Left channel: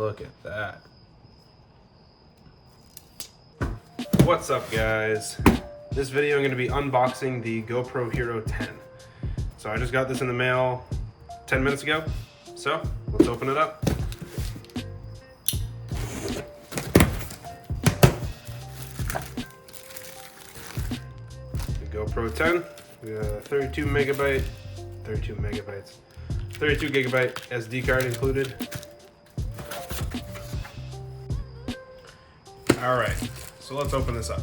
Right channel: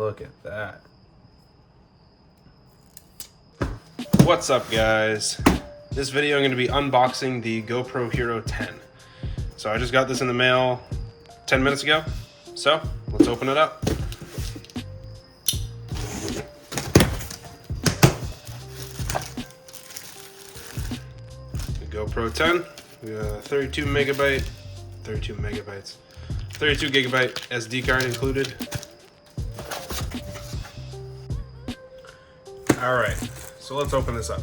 Look at that. What's up, guys? This video I'm going to be unboxing the GoPro Hero 10. So I just got this in the mail 10 minutes ago. So let's open it up. The GoPro 10, we got a 32 gigabyte SD card included. All right, so let's open this up.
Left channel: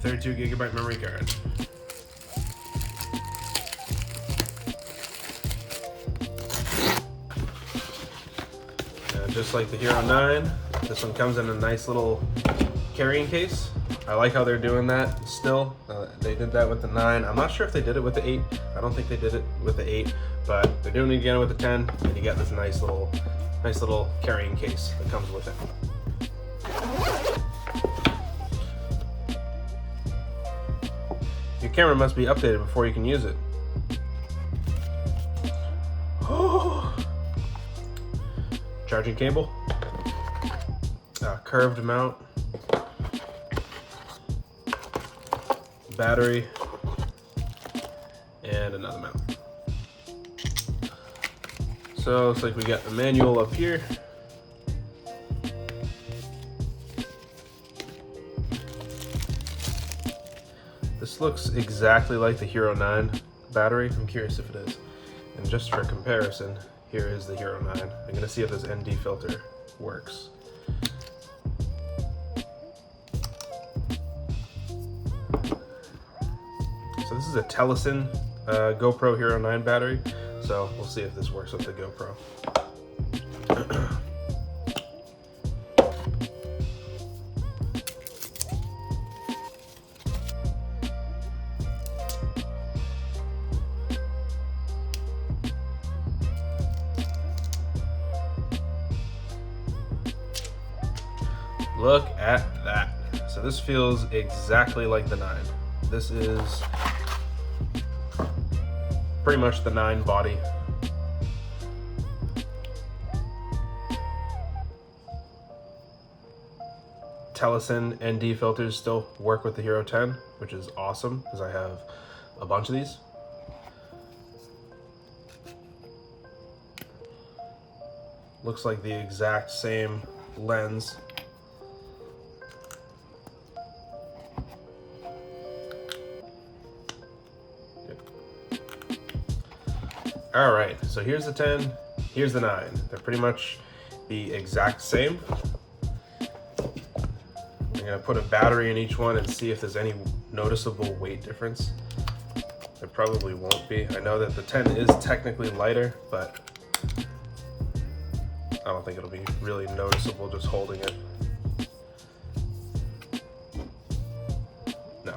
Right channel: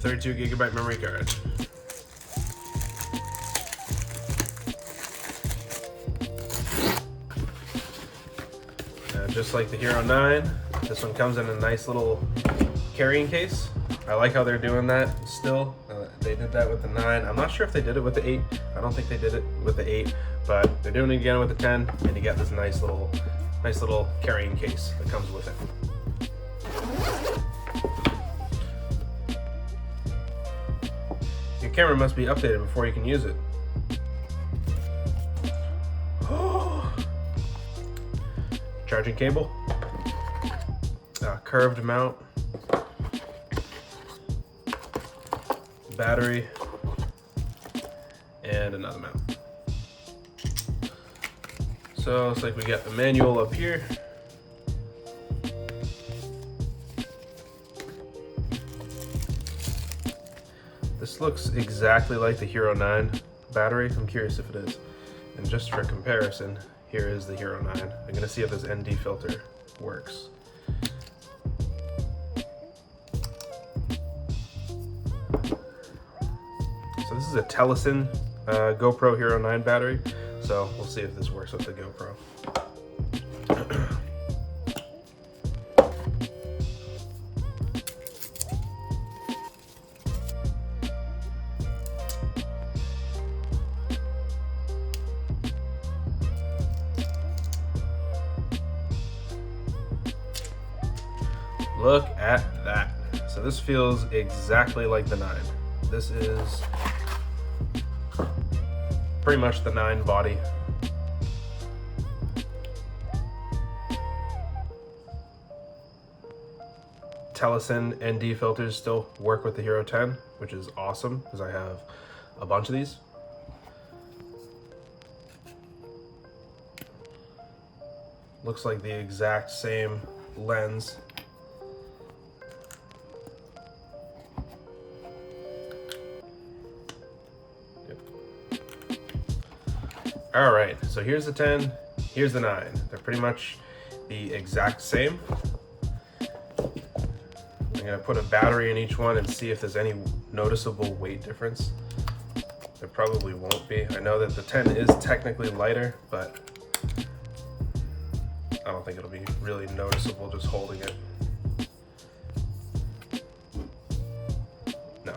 32 gigabyte memory card. Just like the Hero 9, this one comes in a nice little carrying case. I like how they're doing that still. They did that with the 9. I'm not sure if they did it with the 8. I don't think they did it with the 8, but they're doing it again with the 10, and you get this nice little carrying case that comes with it. Your camera must be updated before you can use it. Charging cable, curved mount, battery, and another mount. So it's like we got the manual up here. This looks exactly like the Hero 9 battery. I'm curious if it is. And just for comparison, here is the Hero 9. I'm gonna see if this ND filter works. So this is a Telesen GoPro Hero 9 battery. So we'll see if this works with the GoPro. Look at that. So this feels exactly like the 9. This is pretty much the 9 body. Telesen ND filters still work with the Hero 10, which is awesome because I have a bunch of these. Looks like the exact same lens. All right, so here's the 10, here's the 9. They're pretty much the exact same. I'm gonna put a battery in each one and see if there's any noticeable weight difference. There probably won't be. I know that the 10 is technically lighter, but I don't think it'll be really noticeable just holding it. No.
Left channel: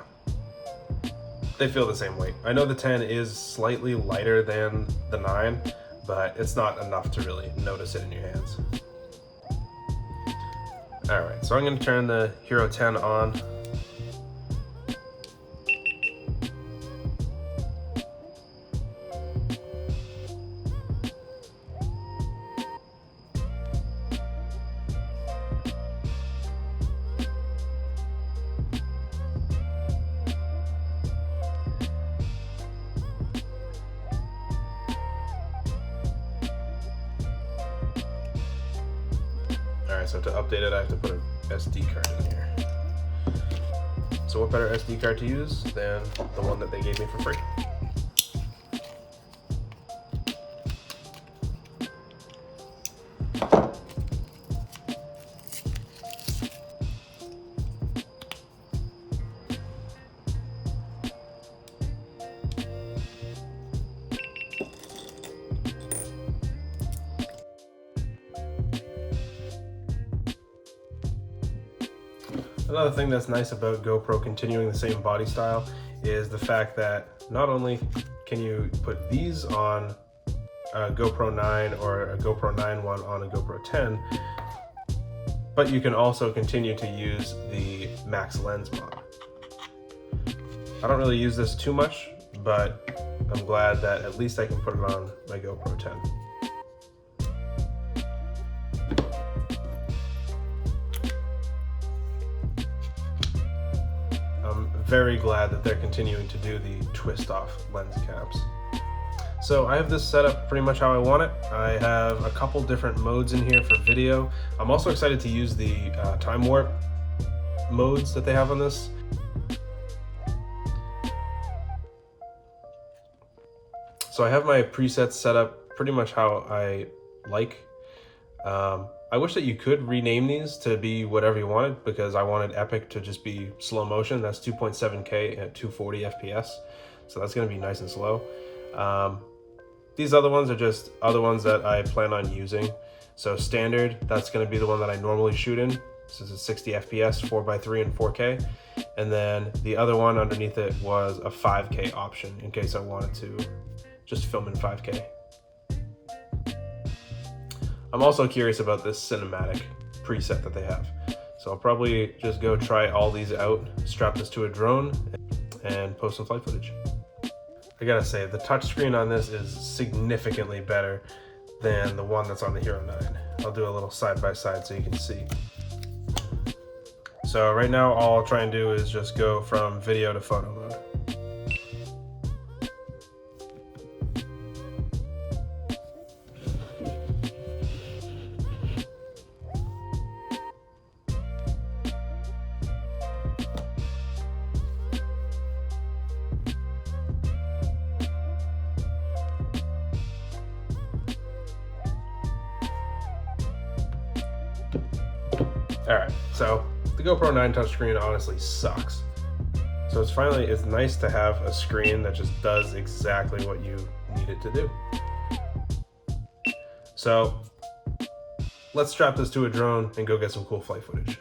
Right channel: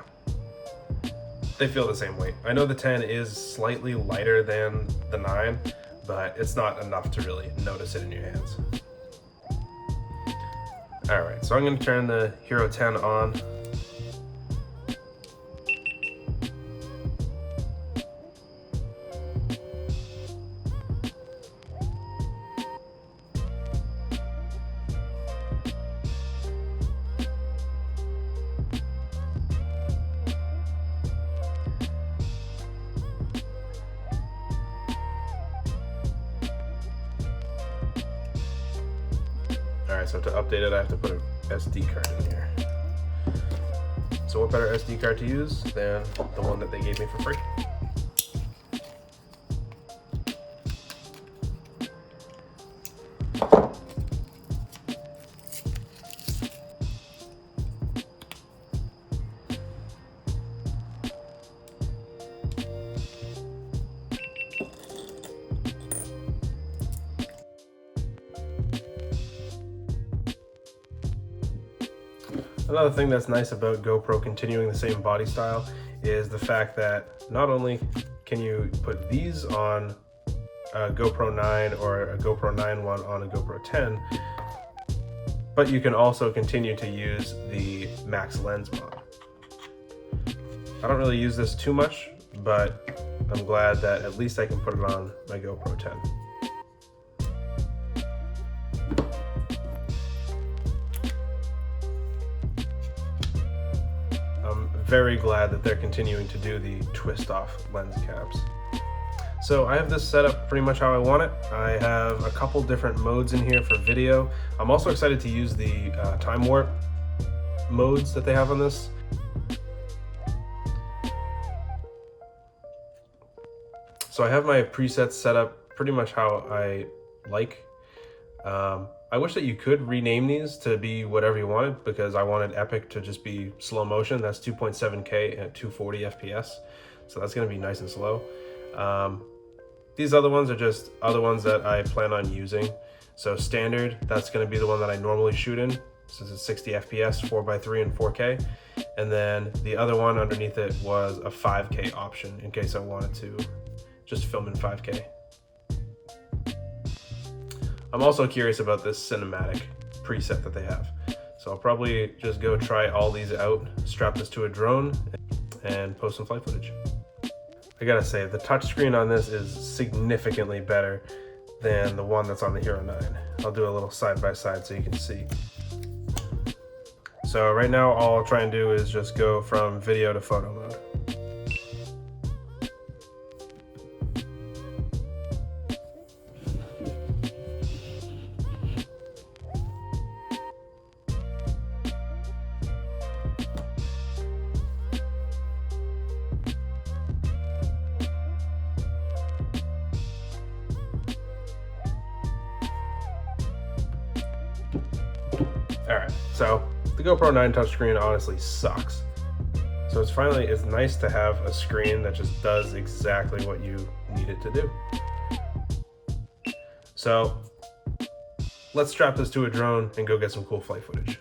They feel the same weight. I know the 10 is slightly lighter than the 9, but it's not enough to really notice it in your hands. All right, so I'm gonna turn the Hero 10 on. Alright, so to update it, I have to put an SD card in here. So what better SD card to use than the one that they gave me for free? Another thing that's nice about GoPro continuing the same body style is the fact that not only can you put these on a GoPro 9 or a GoPro 9 one on a GoPro 10, but you can also continue to use the max lens mod. I don't really use this too much, but I'm glad that at least I can put it on my GoPro 10. very glad that they're continuing to do the twist off lens caps. So I have this set up pretty much how I want it. I have a couple different modes in here for video. I'm also excited to use the time warp modes that they have on this. So I have my presets set up pretty much how I like. I wish that you could rename these to be whatever you wanted, because I wanted Epic to just be slow motion. That's 2.7K at 240 FPS. So that's gonna be nice and slow. These other ones are just other ones that I plan on using. So standard, that's gonna be the one that I normally shoot in. This is a 60 FPS, 4x3 and 4K. And then the other one underneath it was a 5K option in case I wanted to just film in 5K. I'm also curious about this cinematic preset that they have. So I'll probably just go try all these out, strap this to a drone, and post some flight footage. I gotta say, the touchscreen on this is significantly better than the one that's on the Hero 9. I'll do a little side by side so you can see. So right now, all I'll try and do is just go from video to photo mode. Alright, so the GoPro 9 touchscreen honestly sucks. So it's nice to have a screen that just does exactly what you need it to do. So let's strap this to a drone and go get some cool flight footage.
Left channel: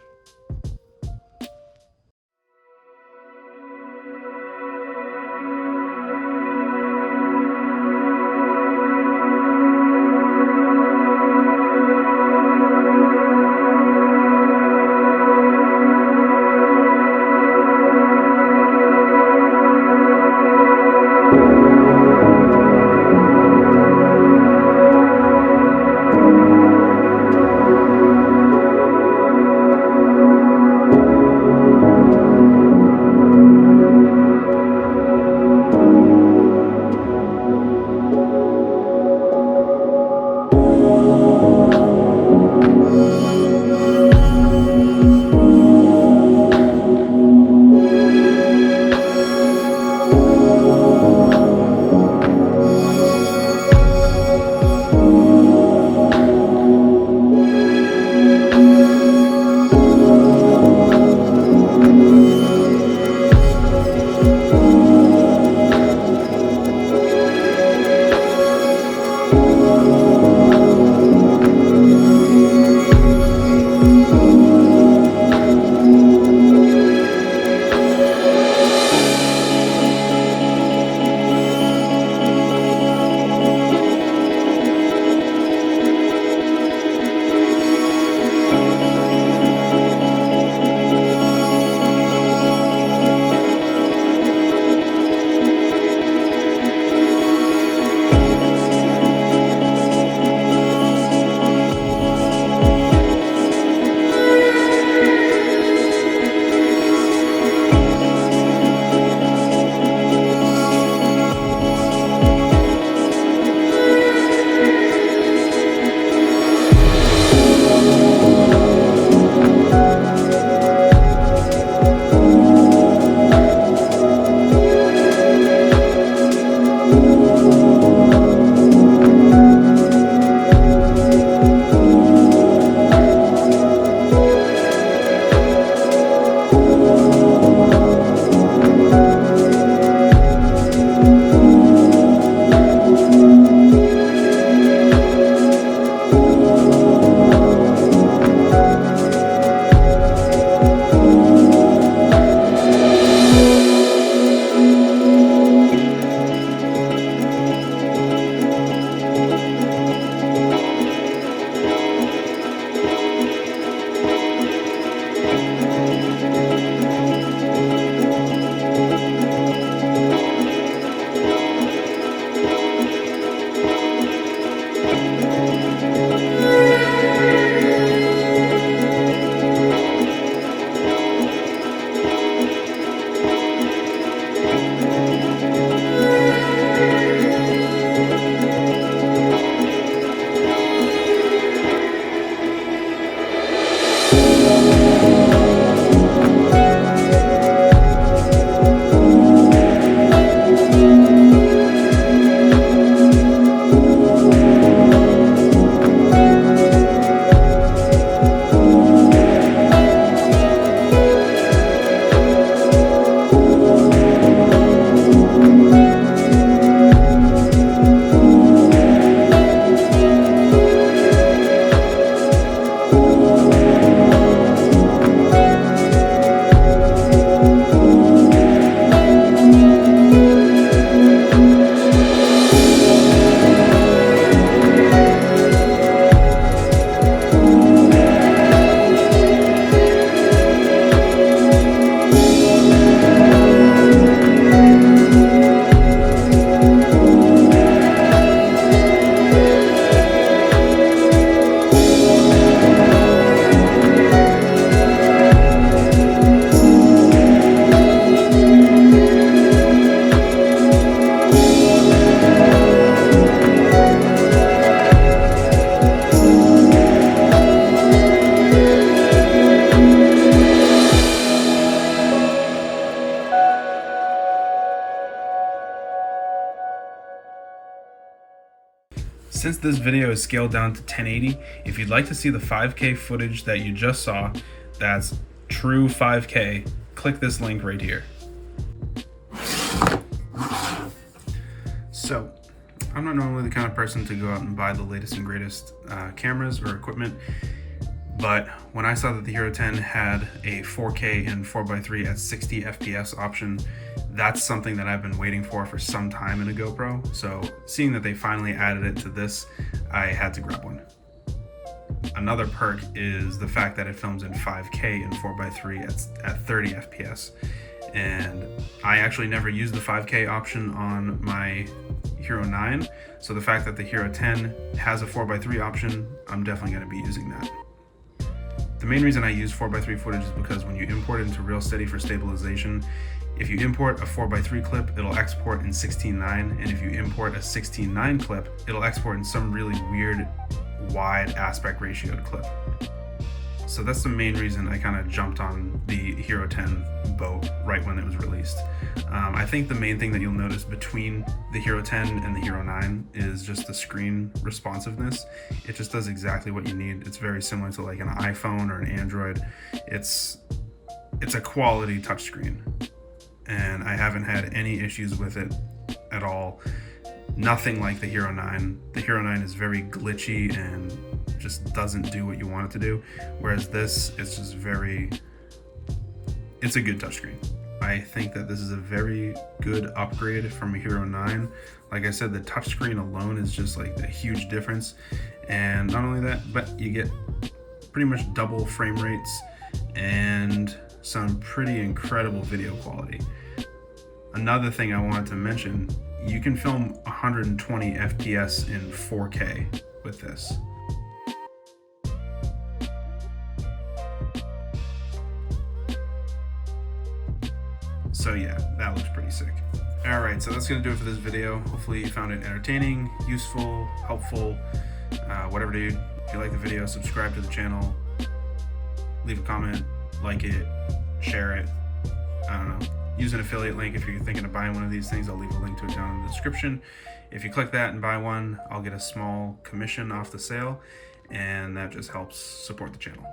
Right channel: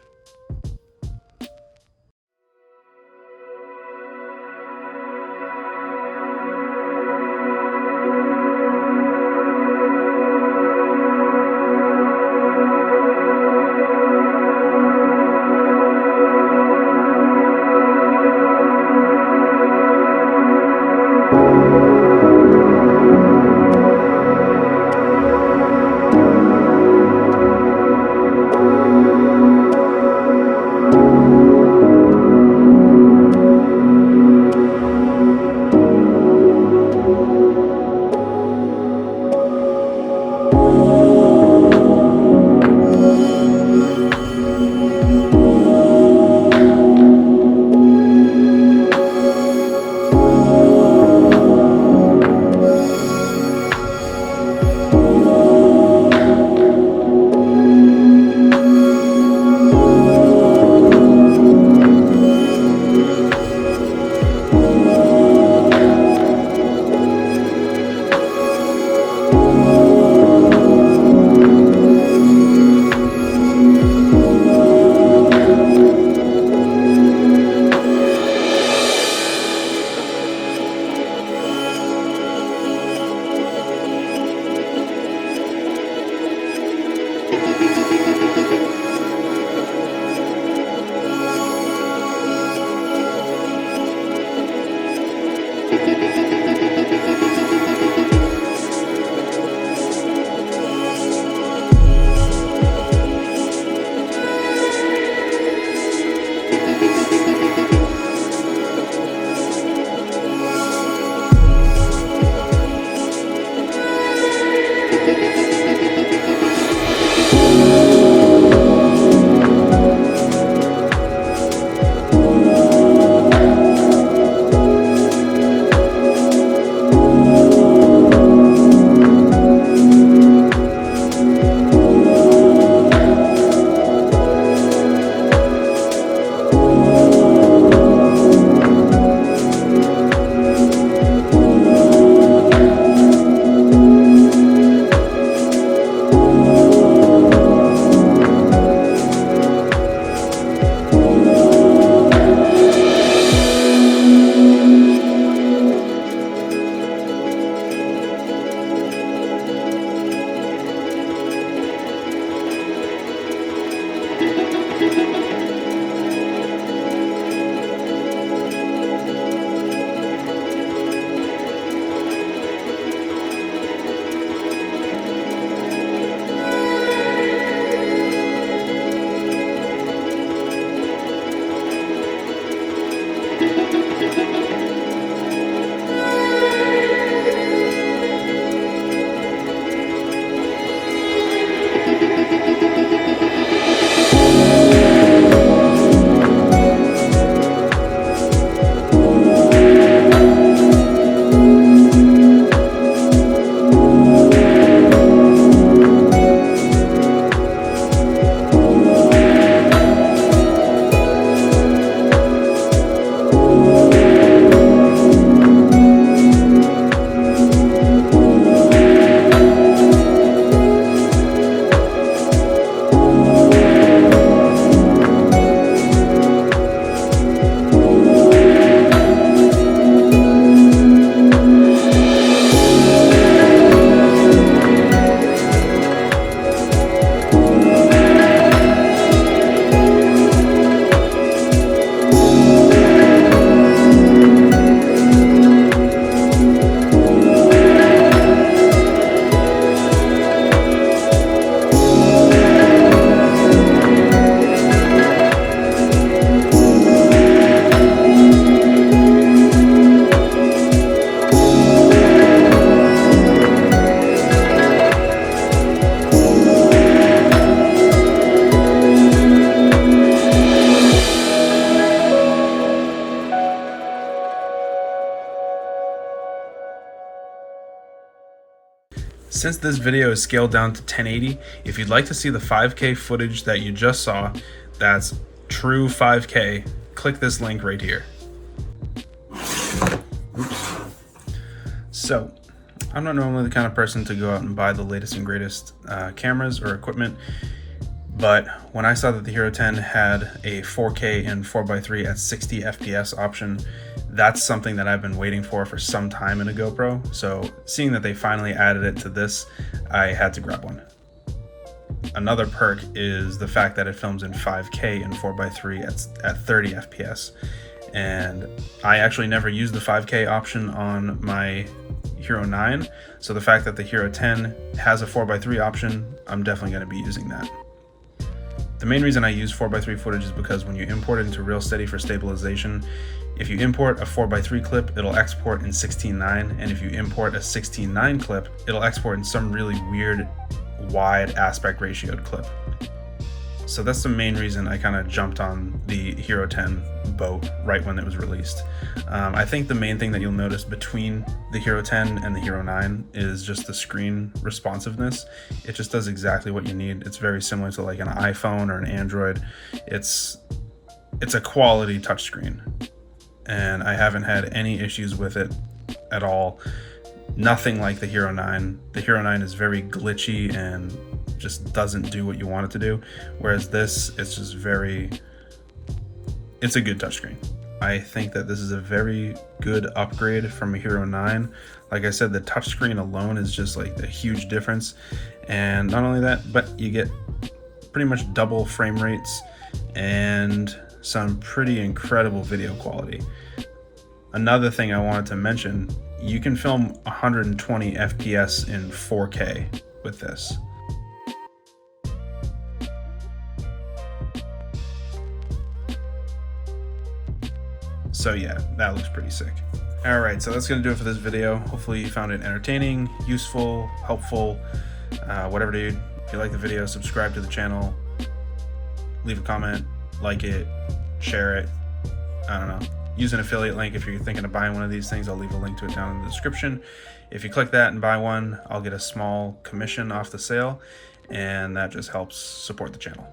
Since this video is scaled down to 1080, if you'd like to see the 5K footage that you just saw, that's true 5K, click this link right here. So, I'm not normally the kind of person to go out and buy the latest and greatest cameras or equipment, but when I saw that the Hero 10 had a 4K and 4x3 at 60 FPS option, that's something that I've been waiting for some time in a GoPro. So seeing that they finally added it to this, I had to grab one. Another perk is the fact that it films in 5K and 4x3 at 30 FPS. And I actually never used the 5K option on my Hero 9. So the fact that the Hero 10 has a 4x3 option, I'm definitely going to be using that. The main reason I use 4x3 footage is because when you import it into RealSteady for stabilization, if you import a 4x3 clip, it'll export in 16:9, and if you import a 16:9 clip, it'll export in some really weird wide aspect ratioed clip. So that's the main reason I kind of jumped on the Hero 10 boat right when it was released. I think the main thing that you'll notice between the Hero 10 and the Hero 9 is just the screen responsiveness. It just does exactly what you need. It's very similar to like an iPhone or an Android. It's a quality touchscreen, and I haven't had any issues with it at all. Nothing like the Hero 9. The Hero 9 is very glitchy and just doesn't do what you want it to do, whereas this is just it's a good touchscreen. I think that this is a very good upgrade from a Hero 9. Like I said, the touchscreen alone is just like a huge difference, and not only that, but you get pretty much double frame rates and some pretty incredible video quality. Another thing I wanted to mention, you can film 120 FPS in 4K with this. So yeah, that looks pretty sick. Alright, so that's going to do it for this video. Hopefully you found it entertaining, useful, helpful, whatever, dude. If you like the video, subscribe to the channel, leave a comment, like it, share it, I don't know. Use an affiliate link if you're thinking of buying one of these things. I'll leave a link to it down in the description. If you click that and buy one, I'll get a small commission off the sale, and that just helps support the channel.